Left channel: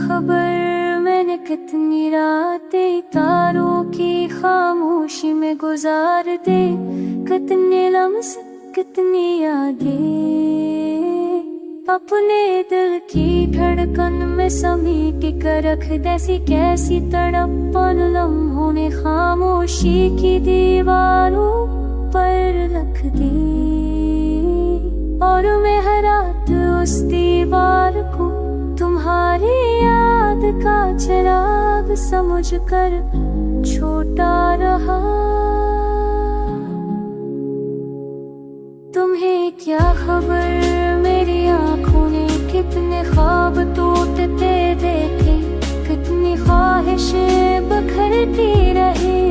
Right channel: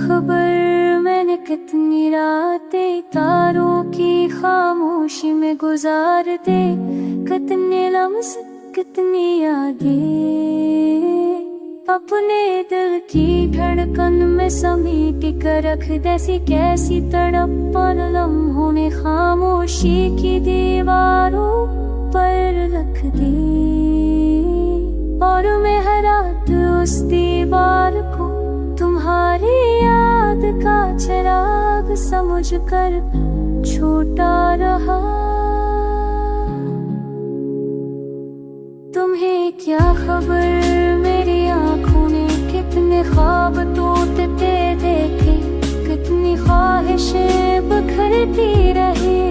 खबर मैंने कितनी रातें तारों की खामोशी में गुजार दे, कितने लम्स कितनी यादें अपने दिल की धड़कन में समेट कर रख दे। कैसी तड़पन लम्हों ने खामोशी की दीवारों पर रख दे, और मैं हर रात उस दीवार को तुम्हारी याद का चिराग समझ कर छोटा रहा। तुम्हें क्या खबर मेरी आँखों ने कितने ख्वाब टूटते देखे, कितनी ख्वाहिशें बिखरती रही,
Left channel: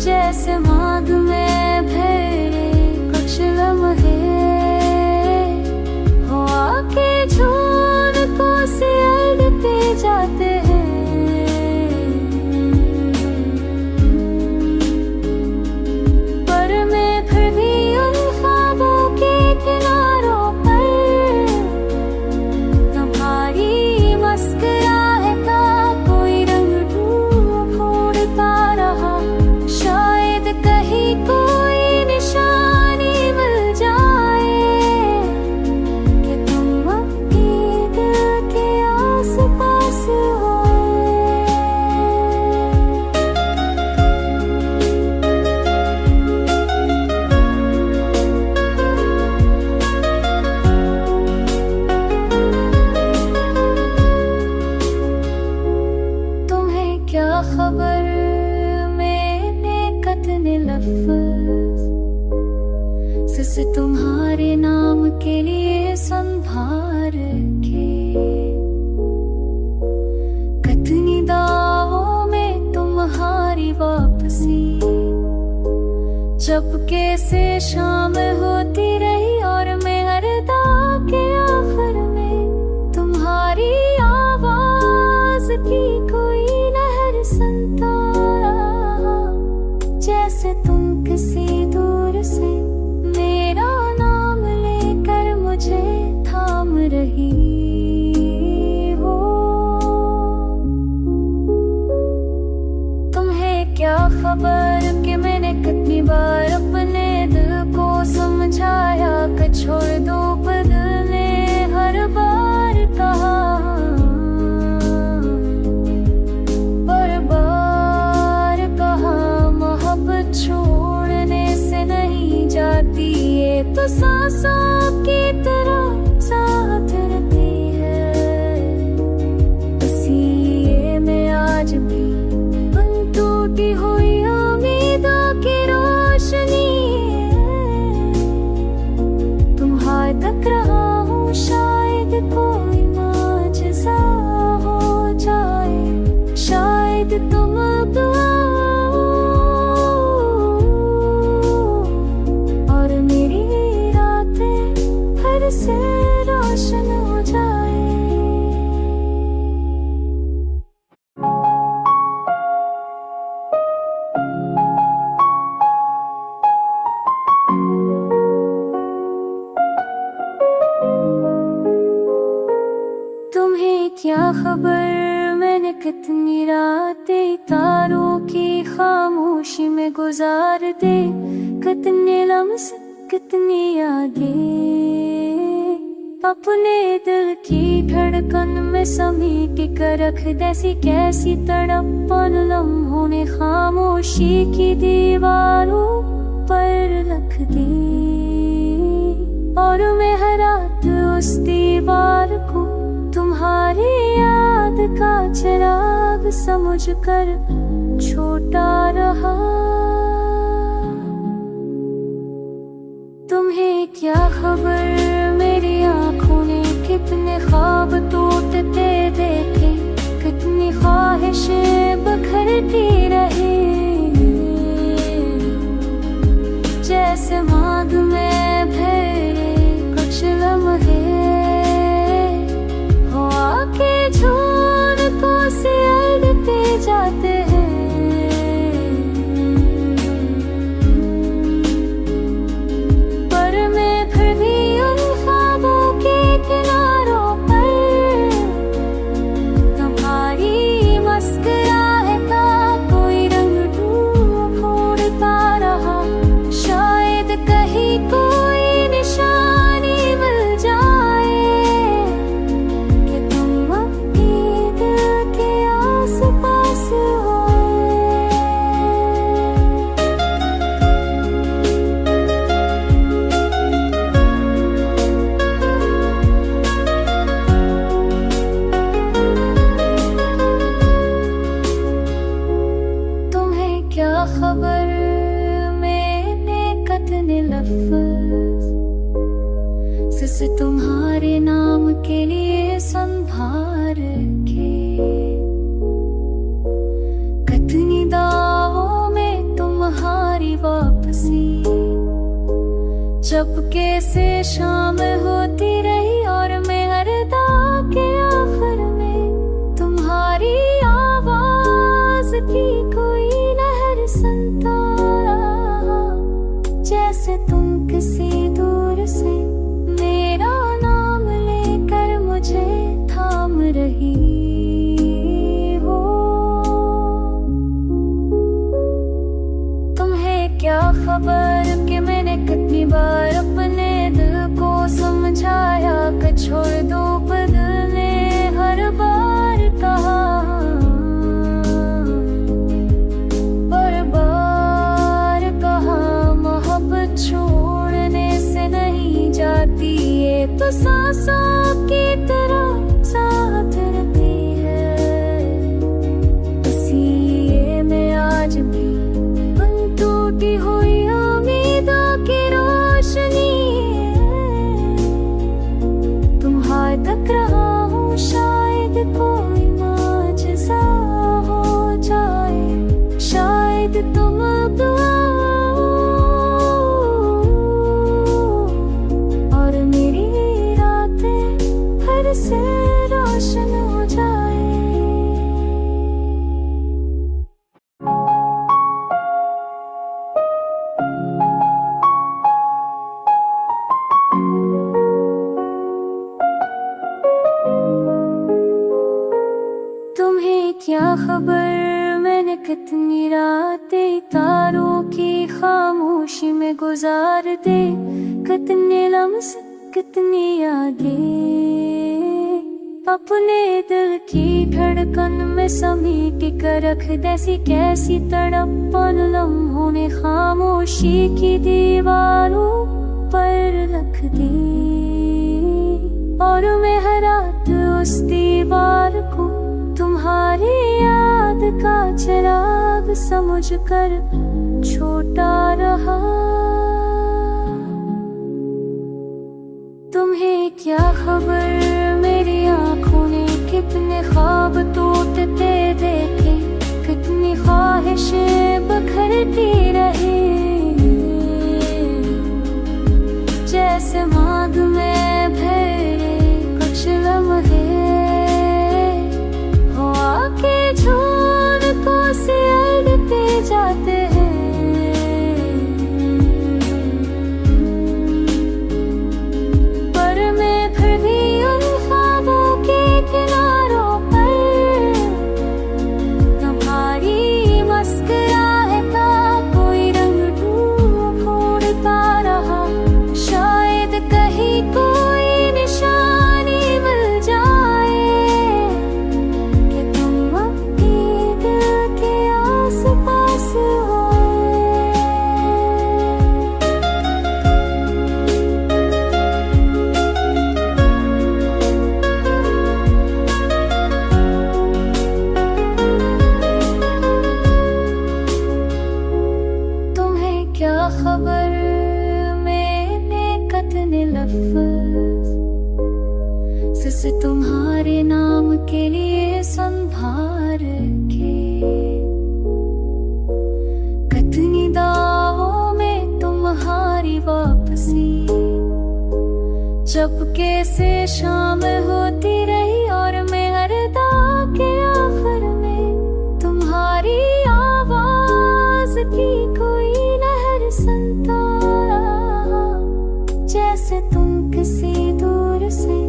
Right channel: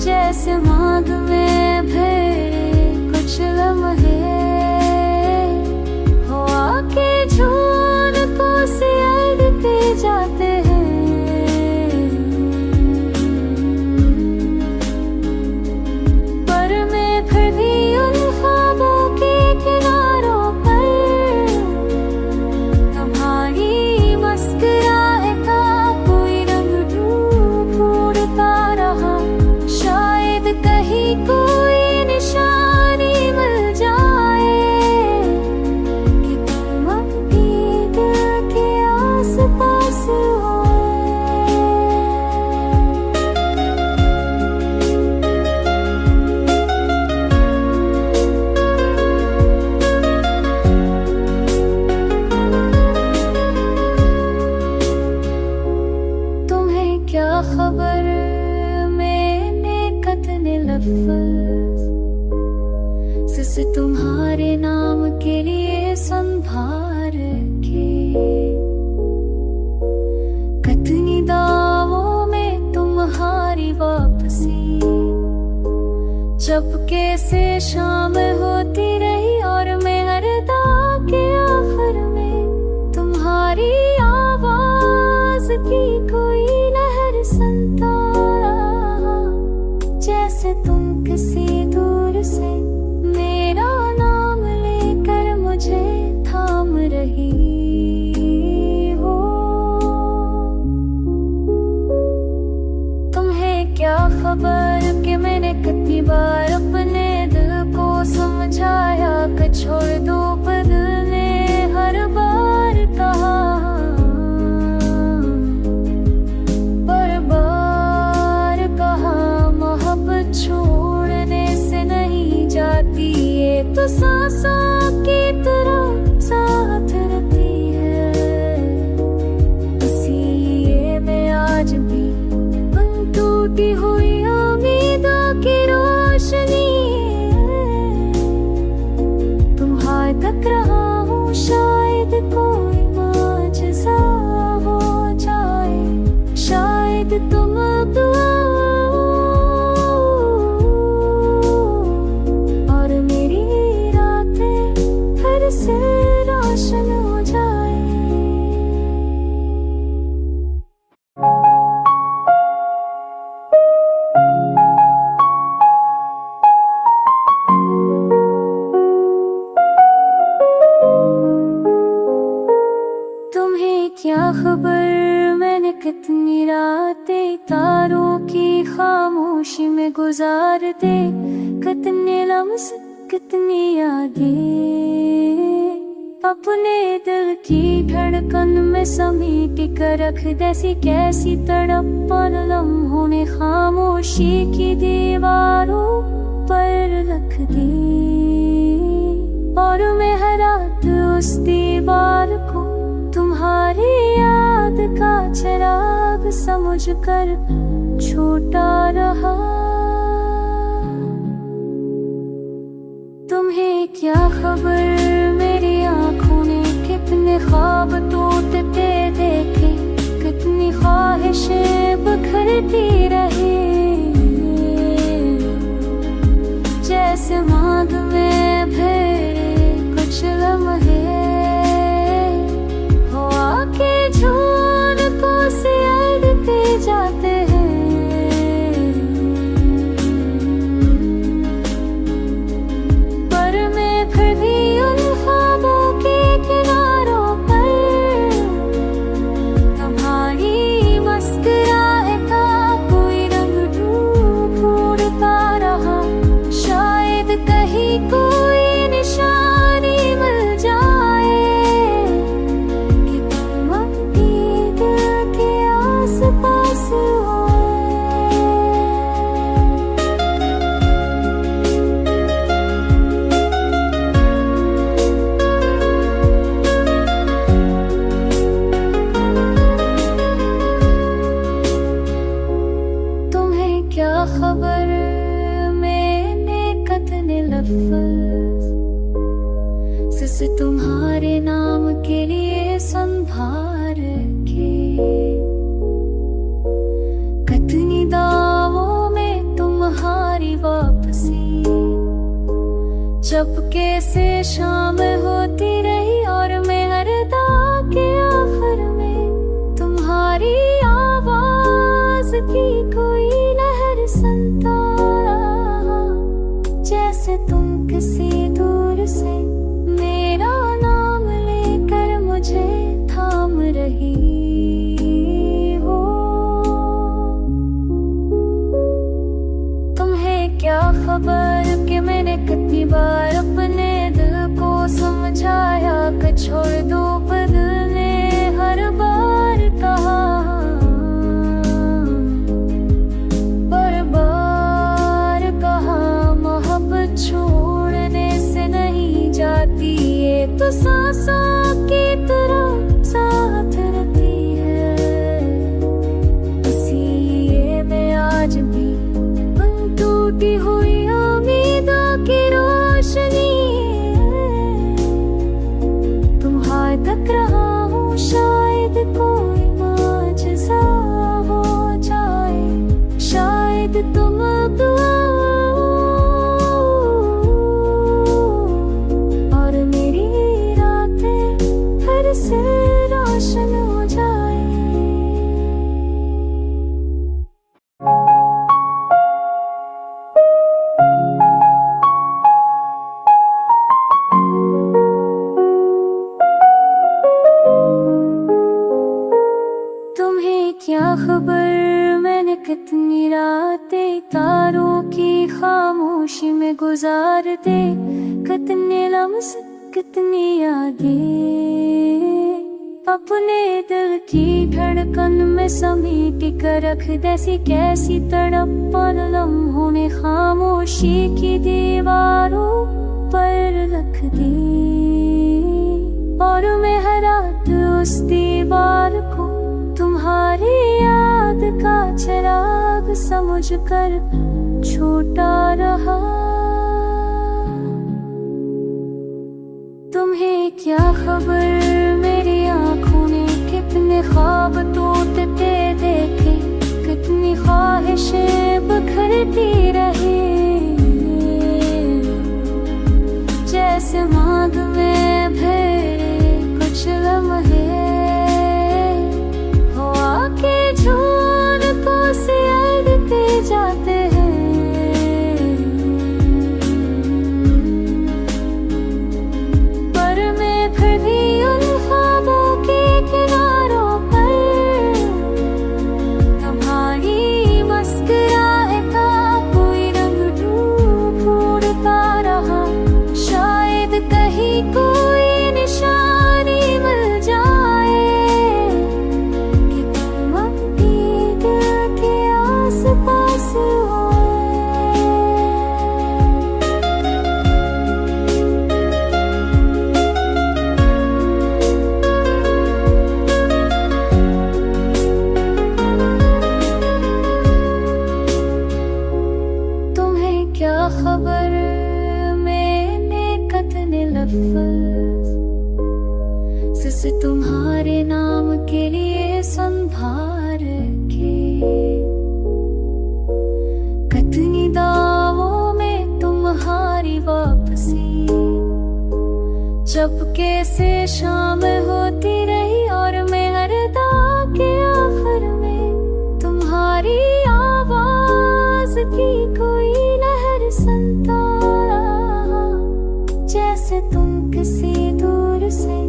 जैसे मांग में भरे कुछ लम्हे हवा के झोंके को सियाड़ते जाते हैं। पर मैं फिर भी उन ख्वाबों के किनारों पर तुम्हारी मुस्कुराहट का कोई रंग ढूंढता रहा। शायद कहीं कोई निशानी मिल जाए कि तुम अब भी दिल के आस पास हो। तुम्हें क्या खबर मैंने कितने लफ्ज़ से तुम्हारे नाम के लिए संभार के, कितनी दावों में तुम्हारी वापसी जब कैसे शाम होती रही, और मैं हर दा के आखिर में तुम्हारी आवाज की कोई लहर सुनता रहा, जैसे तुम किसी दूर से मेरा नाम लेकर मुझे थाम रही हो। तुम्हें क्या खबर कि मैंने कितनी बार अपने दिल को समझाया कि छोड़ दो, पर दिल ने हर बार कहा, पर बार कहा मोहब्बत छोड़ने से नहीं जाती, ये तो सांसों की तरह साथ रहती है। इसीलिए मैं आज भी उन टूटी हुई उम्मीदों की रोशनी तुम्हारे तक रहा हूँ। शायद कोई माजज़ा हो जाए, शायद तुम अब और मेरी रातें फिर से रोशन हो जाए। तुम्हें क्या खबर मैंने कितनी रातें तारों की खामोशी में गुजार दे, कितने लम्स कितनी यादें अपने दिल की धड़कन में समेट कर रख दे। कैसी तड़पन लम्हों ने खामोशी की दीवारों पर रख दे, और मैं हर रात उस दीवार को तुम्हारी याद का चिराग समझ कर छोटा रहा। तुम्हें क्या खबर मेरी आँखों ने कितने ख्वाब टूटते देखे, कितनी ख्वाहिशें बिखरती रही, जैसे मांग में भरे कुछ लम्हे हवा के झोंके को सियाड़ते जाते हैं। पर मैं फिर भी उन ख्वाबों के किनारों कहीं कोई निशानी मिल जाए कि तुम अब भी दिल के आस पास हो। तुम्हें क्या खबर मैंने कितने लफ्ज़ से तुम्हारे नाम के लिए संभार के, कितनी दावों में तुम्हारी वापसी चुपके से शाम होती रही, और मैं हर दा के आखिर में तुम्हारी आवाज की कोई लहर सुनता रहा, जैसे तुम किसी दूर से मेरा नाम लेकर मुझे थाम रही हो। तुम्हें क्या खबर कि मैंने कितनी बार अपने दिल को समझाया कि छोड़ दो, पर दिल ने हर बार कहा, पर बार कहा मोहब्बत छोड़ने से नहीं जाती, ये तो सांसों की तरह साथ रहती है। इसीलिए मैं आज भी उन टूटी हुई उम्मीदों की रोशनी तुम्हारे तक रहा हूँ, शायद कोई माजज़ा हो जाए, शायद तुम अब और मेरी रातें फिर से रोशन हो जाए। तुम्हें क्या खबर मैंने कितनी रातें तारों की खामोशी में गुजार दे, कितने लम्हे कितनी यादें अपने दिल की धड़कन में समेट कर रख दैसी कैसी तड़पन लम्हों ने खामोशी की दीवारों पर रख दी, और मैं हर रात उस दीवार को तुम्हारी याद का चिराग समझ कर छोटा रहा। तुम्हें क्या खबर मेरी आँखों ने कितने ख्वाब टूटते देखे, कितनी ख्वाहिशें बिखरती रही, जैसे मांग में भरे कुछ लम्हे हवा के झोंके को सिलते जाते हैं, पर मैं फिर भी उन ख्वाबों के किनारों पर तुम्हारी मुस्कुराहट का कोई रंग ढूंढता रहा, शायद कहीं कोई निशानी मिल जाए कि तुम अब भी दिल के आस पास हो। तुम्हें क्या खबर मैंने कितने लफ्ज़ से तुम्हारे नाम के लिए संभार के, कितनी दावों में तुम्हारी वापसी चुपके से शाम होती रही, और मैं हर दा के आखिर में तुम्हारी आवाज की कोई लहर सुनता रहा, जैसे तुम किसी दूर से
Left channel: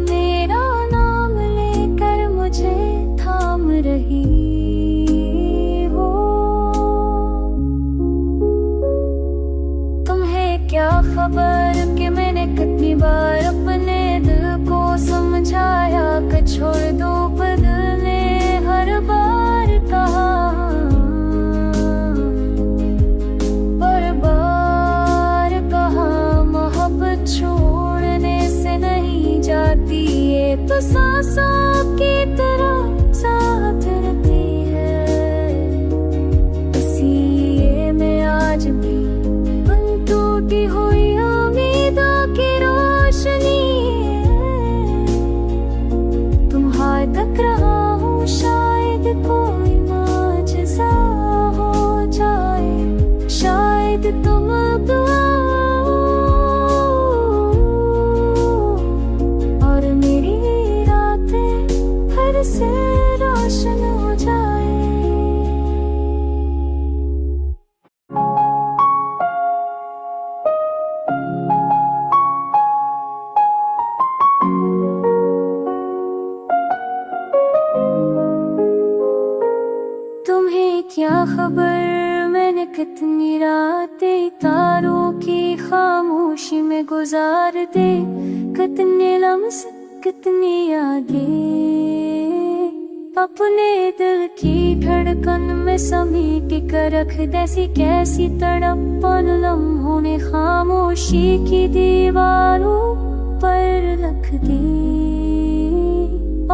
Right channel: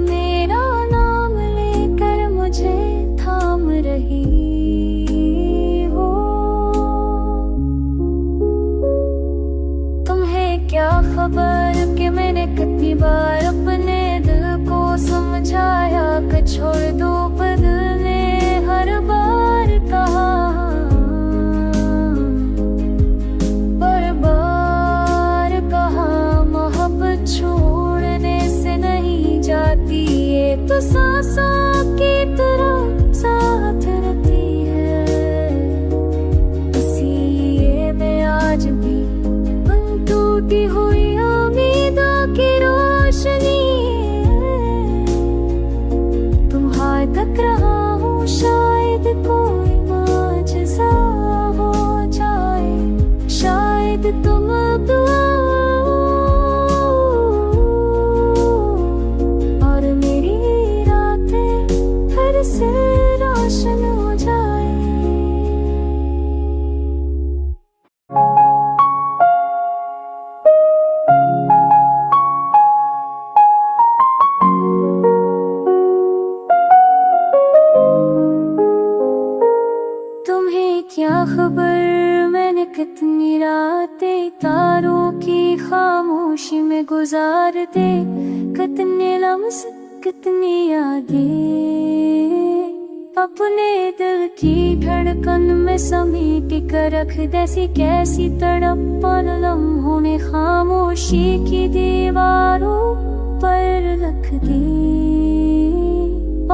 मेरा नाम लेकर मुझे थाम रही हो। तुम्हें खबर कि मैंने कितनी बार अपने दिल को समझाया कि छोड़ दो, पर दिल ने हर बार कहा, पर बार कहा मोहब्बत छोड़ने से नहीं जाती, ये तो सांसों की तरह साथ रहती है। इसीलिए मैं आज भी उन टूटी हुई उम्मीदों की रोशनी तुम्हारे तक रहा हूँ, शायद कोई माजज़ा हो जाए, शायद तुम अब और मेरी रातें फिर से रोशन हो जाए। तुम्हें क्या खबर मैंने कितनी रातें तारों की खामोशी में गुजार दे, कितने लम्स कितनी यादें अपने दिल की धड़कन में समेट कर रख दैसी कैसी तड़पन लम्हों ने खामोशी की दीवारों पर रख दे,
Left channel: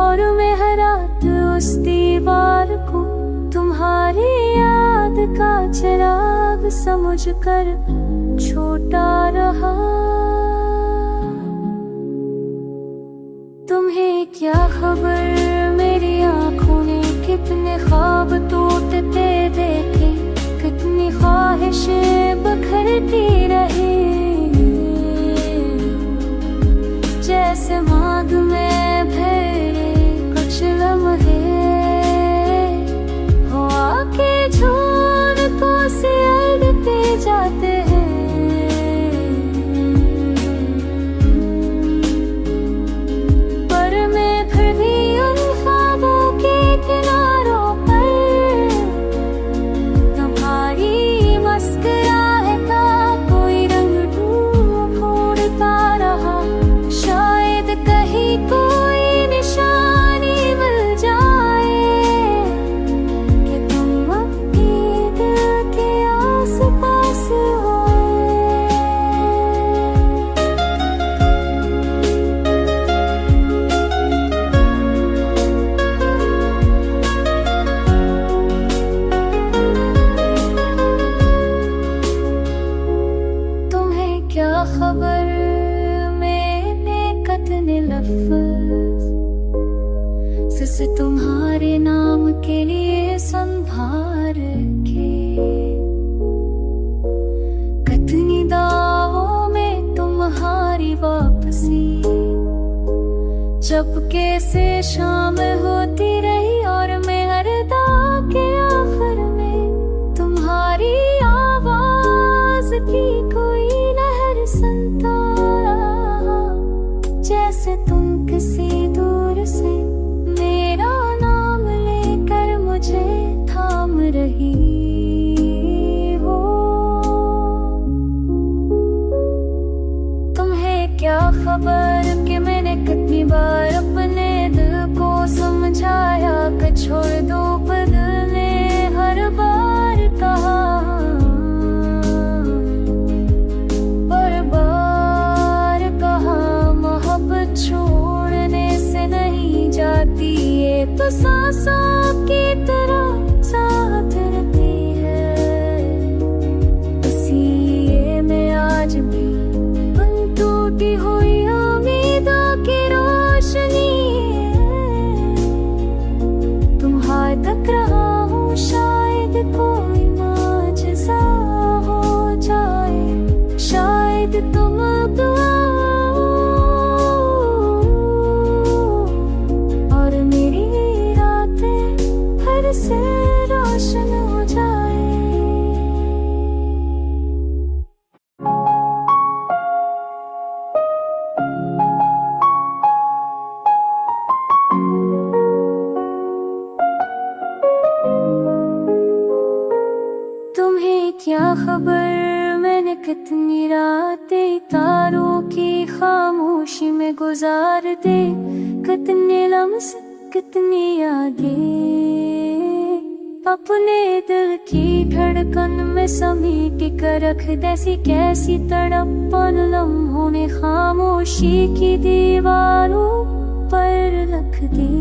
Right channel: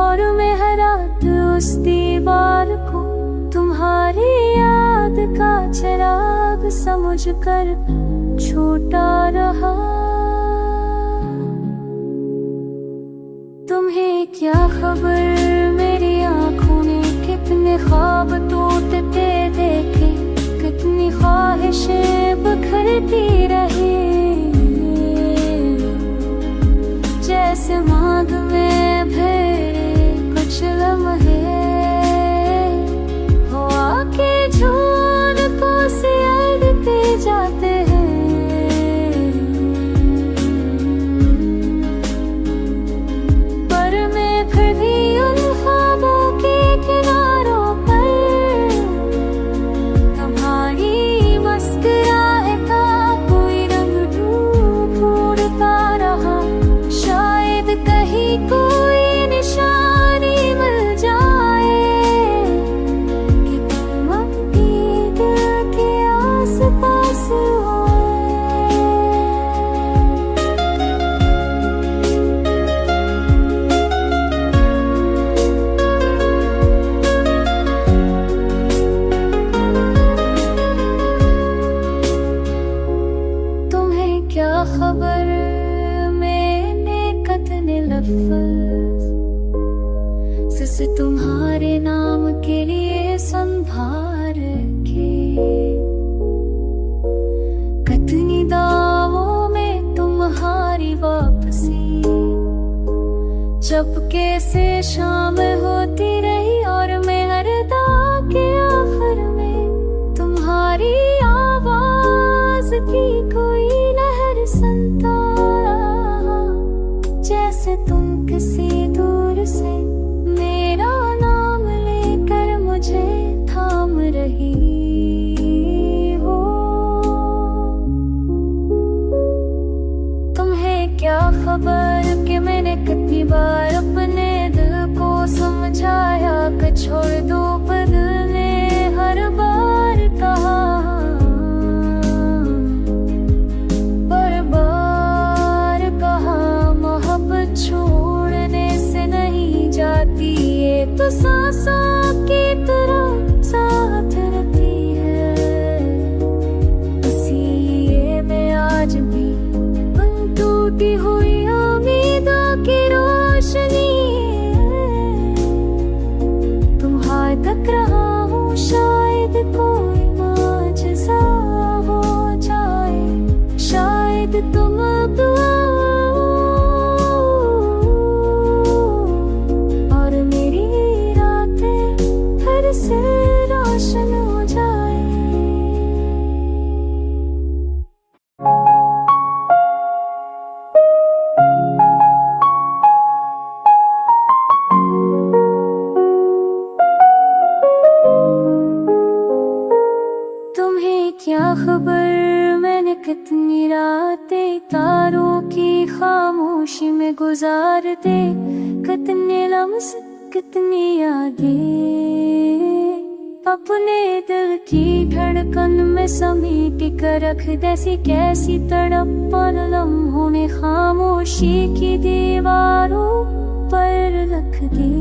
और मैं हर रात उस दीवार को तुम्हारी याद का चिराग समझ कर छोटा रहा। तुम्हें क्या खबर मेरी आँखों ने कितने ख्वाब टूटते देखे, कितनी ख्वाहिशें बिखरती रही, जैसे मांग में भरे कुछ लम्हे हवा के झोंकों से अड़ते जाते हैं, पर मैं फिर भी उन ख्वाबों के किनारों पर तुम्हारी मुस्कुराहट का कोई रंग ढूंढता रहा, शायद कहीं कोई निशानी मिल जाए कि तुम अपने दिल के आस-पास हो। तुम्हें क्या खबर मैंने कितने लफ्ज़ से तुम्हारे नाम के लिए संभार के, कितनी दावों में तुम्हारी वापसी चुपके से शाम होती रही, और मैं हर दा के आखिर में तुम्हारी आवाज की कोई लहर सुनता रहा, जैसे तुम किसी दूर से मेरा नाम लेकर मुझे थाम रही हो। तुम्हें क्या खबर कि मैंने कितनी बार अपने दिल को समझाया कि छोड़ दो, पर दिल ने हर बार कहा, पर बार कहा मोहब्बत छोड़ने से नहीं जाती, ये तो सांसों की तरह साथ रहती है। इसीलिए मैं आज भी उन टूटी हुई उम्मीदों की रोशनी तुम्हारे तक रहा हूँ, शायद कोई माजज़ा हो जाए, शायद तुम अब और मेरी रातें फिर से रोशन हो जाए। तुम्हें क्या खबर मैंने कितनी रातें तारों की खामोशी में गुजार दे, कितने लम्स कितनी यादें अपने दिल की धड़कन में समेट कर रख देसी कैसी तड़पन लम्हों ने खामोशी की दीवारों पर रख दे।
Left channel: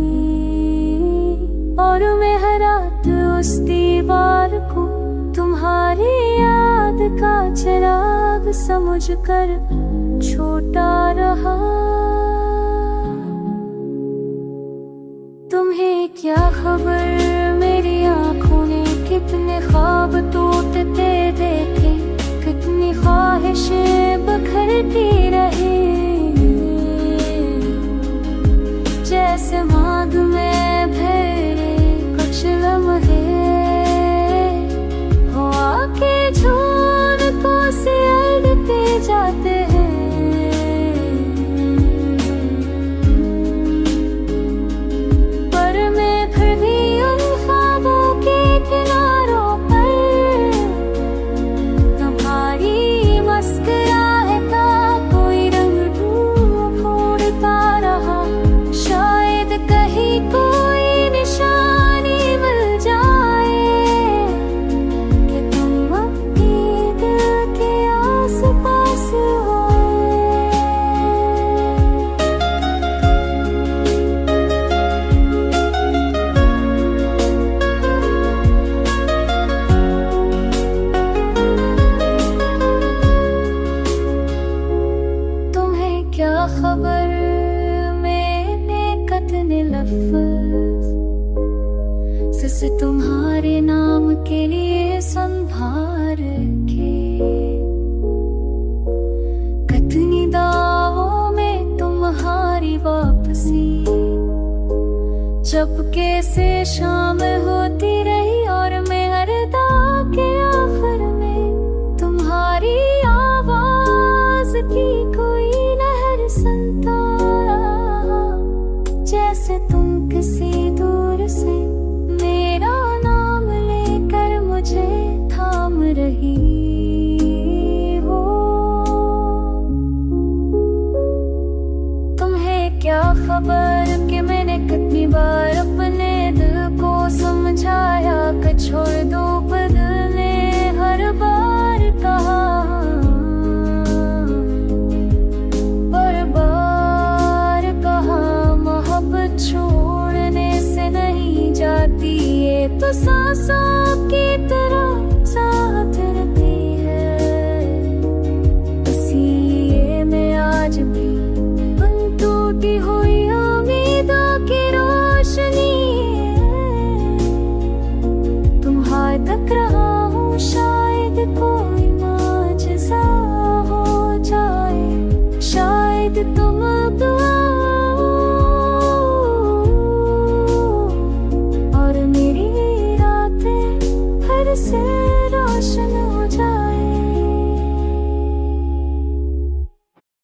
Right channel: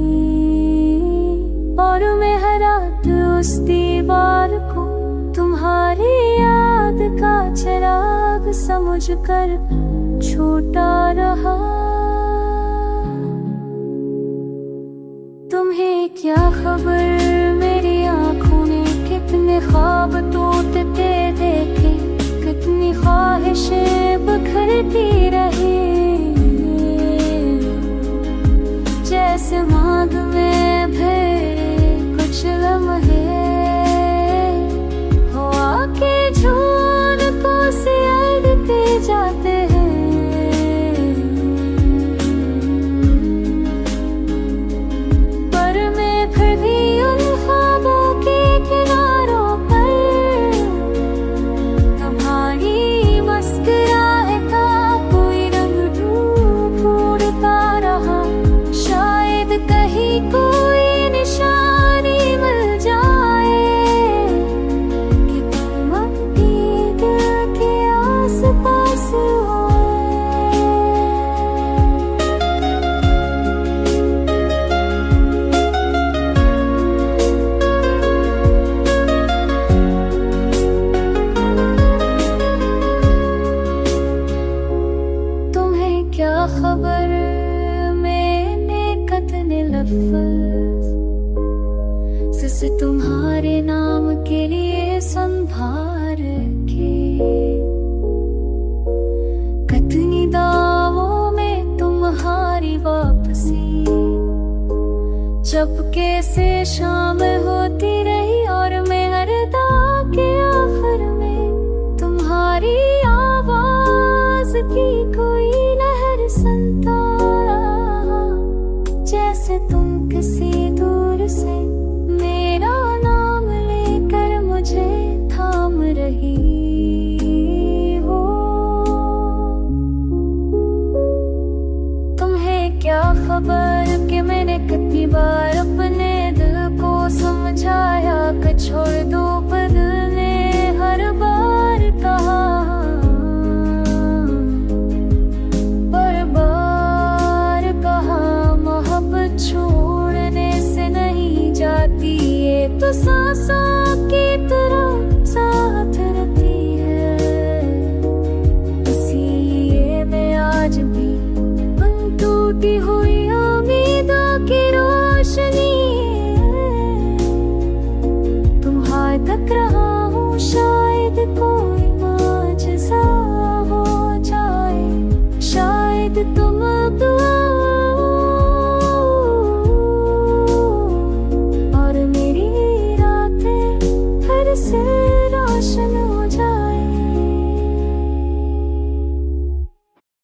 और मैं हर रात उस दीवार को तुम्हारी याद का चिराग समझ कर छोटा रहा। तुम्हें क्या खबर मेरी आँखों ने कितने ख्वाब टूटते देखे, कितनी ख्वाहिशें बिखरती रही। जैसे मांग में भरे कुछ लम्हे हवा के झोंके को सियाड़ते जाते हैं। पर मैं फिर भी उन ख्वाबों के किनारों पर तुम्हारी मुस्कुराहट का कोई रंग ढूंढता रहा। शायद कहीं कोई निशानी मिल जाए कि तुम अपने दिल के आस पास हो। तुम्हें क्या खबर कितने लफ्ज़ से तुम्हारे नाम के लिए संभार के, कितनी दावों में तुम्हारी वापसी चुपके से शाम होती रही। और मैं हर दाव के आखिर में तुम्हारी आवाज की कोई लहर सुनता रहा। जैसे तुम किसी दूर से मेरा नाम लेकर मुझे थाम रही हो। तुम्हें क्या खबर कि मैंने कितनी बार अपने दिल को समझाया कि छोड़ दो, पर दिल ने हर बार कहा, पर बार कहा मोहब्बत छोड़ने से नहीं जाती, ये तो सांसों की तरह साथ रहती है। इसीलिए मैं आज भी उन टूटी हुई उम्मीदों की रोशनी तुम्हारे तक रहा हूँ। शायद कोई माजज़ा हो जाए, शायद तुम